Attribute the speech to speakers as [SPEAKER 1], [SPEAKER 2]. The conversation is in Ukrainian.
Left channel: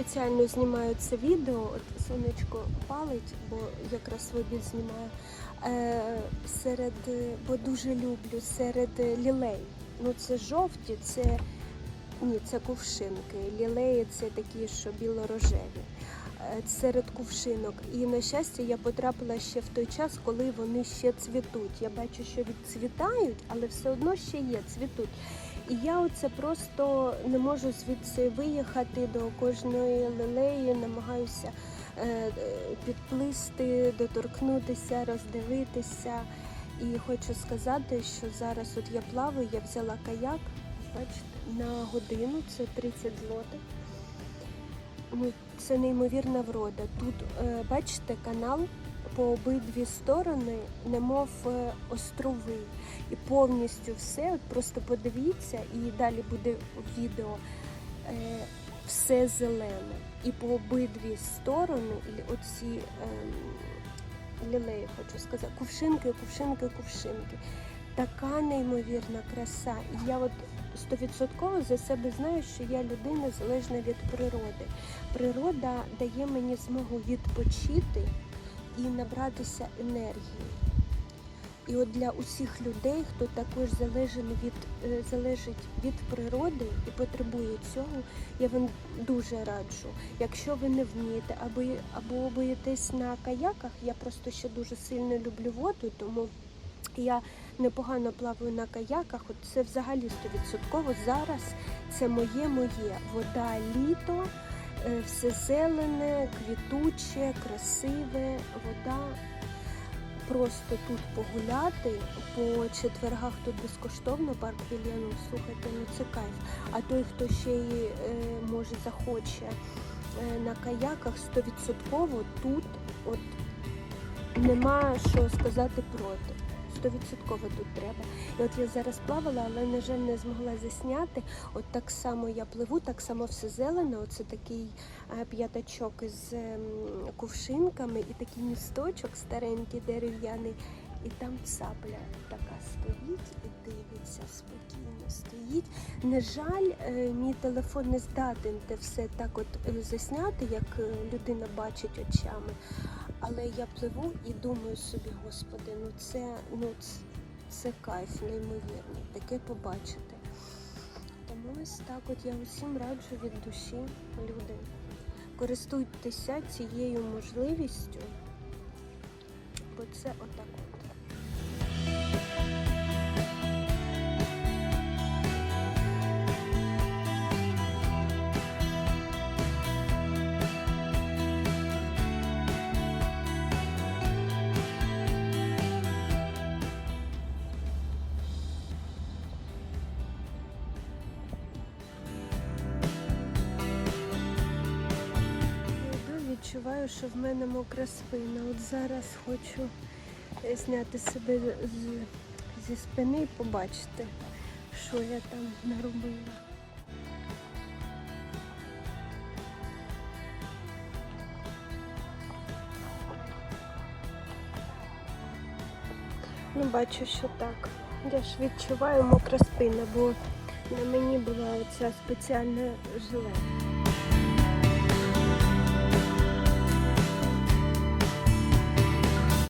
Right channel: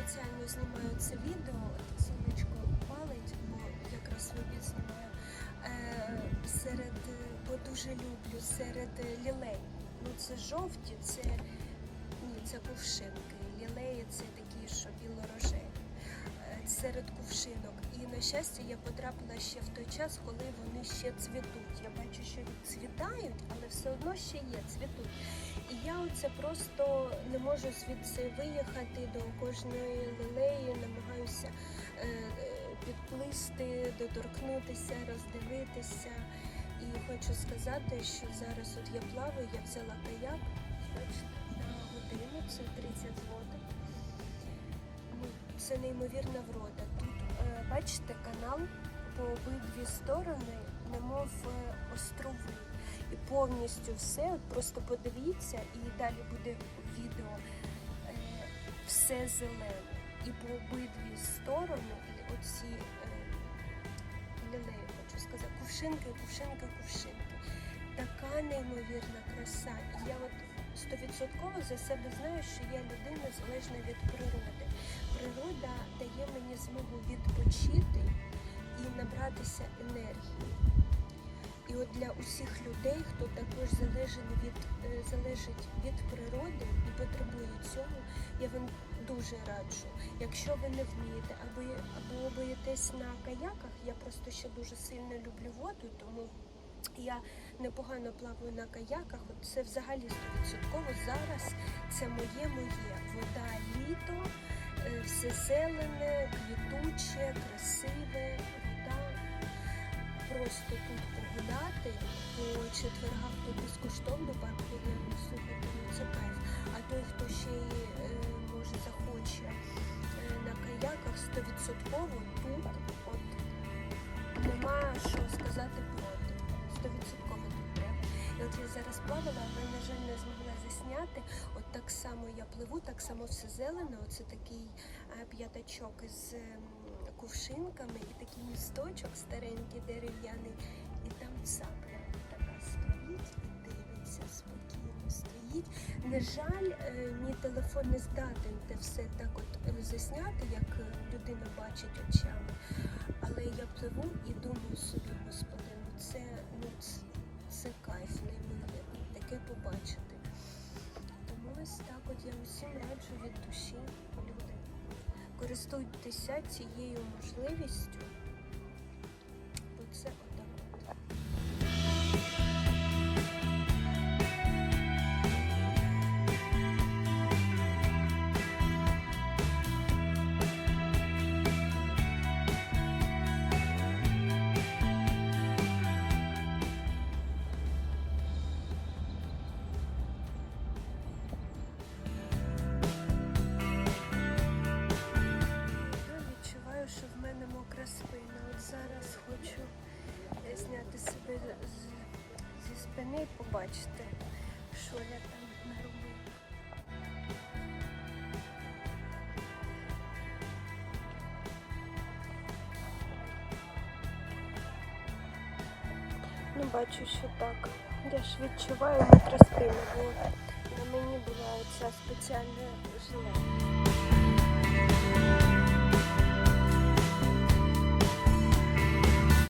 [SPEAKER 1] спеціально знімаю це відео. От сонечко палить, бо якраз в обід знімаю. Е, серед, е, бо дуже люблю серед лілей. Ну це жовті, це ні, це кувшинки. Лілеї це такі, що білорожеві. Серед кувшинок. І на щастя, я потрапила ще в той час, коли вони ще цвітуть. Я бачу, що відцвітають, але все одно ще є, цвітуть. І я оце просто не можу звідси виїхати до кожної лилеї, намагаюся е, підплисти, доторкнутися, роздивитися. І хочу сказати, що зараз от я плаваю, я взяла каяк на годину, це 30 злотих. Ну, це неймовірна врода. Тут, е, бачите, канал по обидві сторони, немов е, острови. І повністю все, от просто подивіться, і далі буде відео. Е, все зелене. І по обидві сторони, і оці ем, лілеї, хочу сказати, кувшинки, кувшинки, кувшинки. Така неймовірна краса. І я от стовідсотково за себе знаю, що я людина залежна від природи. Природа дає мені змогу відпочити і набратися енергії. І от для усіх людей, хто також залежить від, е, залежить від природи і потребує цього, я вам дуже раджу. Якщо ви не вмієте або, або боїтесь на каяках, я просто ще дуже сильно люблю воду, тому я непогано плаваю на каяках. От це взагалі стовідсотково зараз це моє моє. Вода літо, е, все зелене, квітуче, красиве, вода. Просто тут погуляти по четвергах тут безкоштовно парк Вільяну, слухайте, ну це кайф. А той, хто ще й е, може захоче е, на каяках, стовідсотково тут от нема що сказати проти. Стовідсотково тут треба. І от я зараз плавала, але, на жаль, не змогла засняти. От так само я пливу, так само все зелене. Оце такий е, п'ятачок із ем, кувшинками і такий місточок старенький, дерев'яний. І там цапля така стоїть і дивиться спокійно стоїть. На жаль, е, мій телефон не здатен те все так от е, засняти, як людина бачить очами. Але я пливу і думаю собі, господи, це ну це, кайф неймовірно, таке побачити. Тому ось так от я усім раджу від душі, люди. Користуйтеся цією можливістю, що в мене мокра спина. От зараз хочу е, зняти себе з, зі спини і побачити, що я там наробила. Ну, бачу, що так. Я ж відчуваю мокра спина, бо на мені була ця спеціальна жилетка.